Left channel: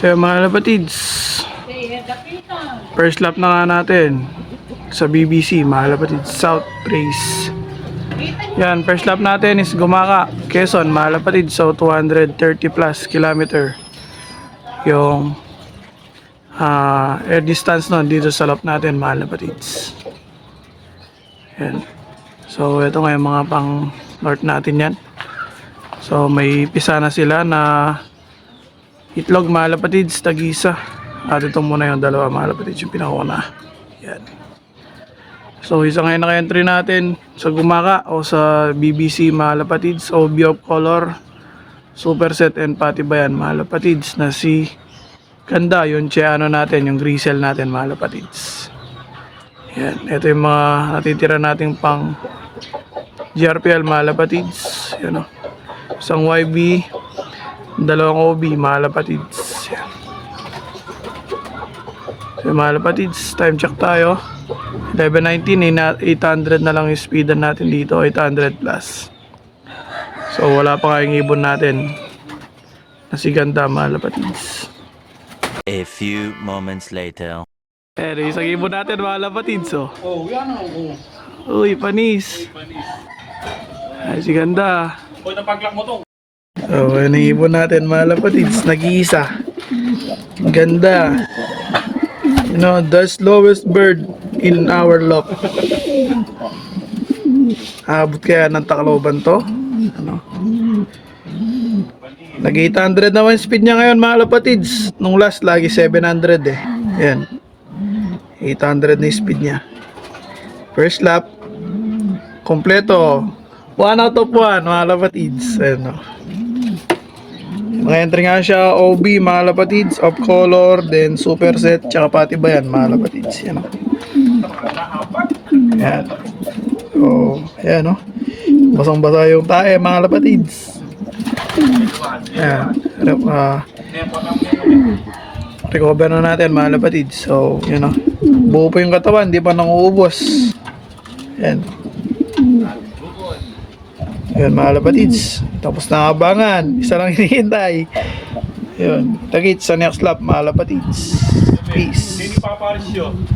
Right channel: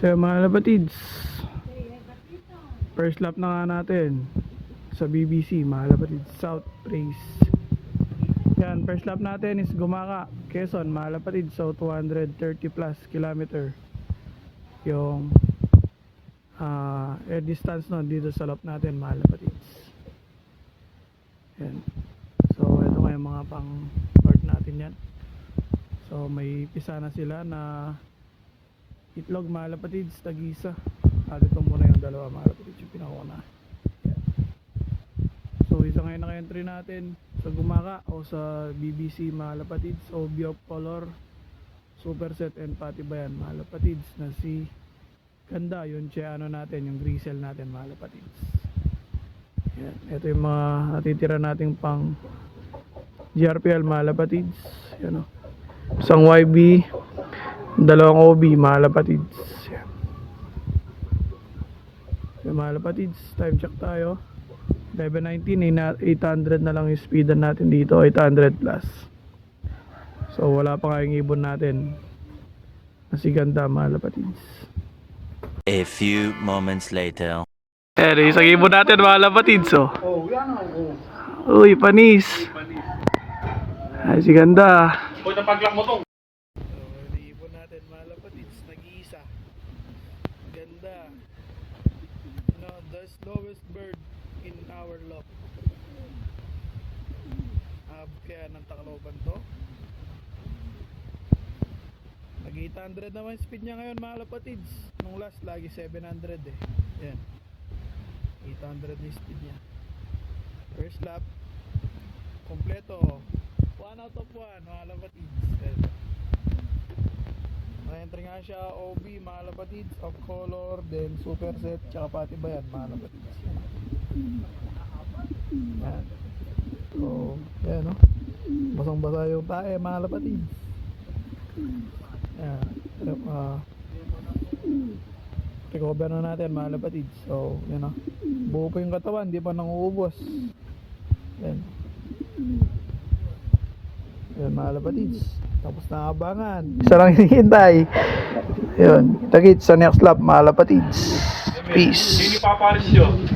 So mga kapatids, first lap na nga natin sa BBC, mga kapatids, South Race. Yan, first lap natin is Gumaka, Quezon, mga kapatids. So 230 plus kilometer yung air distance nun dito sa lap natin, mga kapatids. Yan. So ito nga yung mga pang north natin yan. So may pisa na sila na itlog, mga kapatids, tag-isa. At ito muna yung dalawa, mga kapatids, yung pinakauna. Yan. So isa ngayon naka-entry natin sa Gumaka o sa BBC, mga kapatids, OB of Color, Superset and Patibayan, mga kapatids, na si Ganda, yung Cheano natin, yung Grisel natin, mga kapatids. Yan. Ito yung mga natitira nating pang GRPL, mga kapatids. Yan o. Isang YB, dalawang OB, mga kapatids. Yan. So mga kapatids, time check tayo. 11:19, 800 na lang yung speedan natin dito, 800 plus. So wala pa nga yung ibon natin na si Ganda, mga kapatids. A few moments later. Isang ibon natin, mga kapatids. Oh, yan o. Uy, panis. Ay, si Ganda. Uy, napaglak mo to. So yan ang ibon natin, mga kapatids, nag-iisa. Ganda. You know, the slowest bird in our lock. Abot kaya ng Tacloban to? Ano? Nag 800 naman speed niya ngayon, mga kapatids. Nung last lagi 700 eh. Yan. 800 na speed niya. First lap kompleto. 1 out of 1, mga kapatids. Ayan o. Mga entry nga siya, OB, mga kapatids, of Color, then Superset, tsaka Patibayan, mga kapatids. Yan o. Yan. So, ayan o. Basang-basa yung tae, mga kapatids. Yan. Recover na natin, mga kapatids. So, yun o. Buo pa yung katawan, di pa nanguubos. Yan. Ayan, mga kapatids. Tapos na abangan. Isa lang hinihintay. Ayun. Kita-kits sa next lap, mga kapatids. Peace. Hindi paparis yun.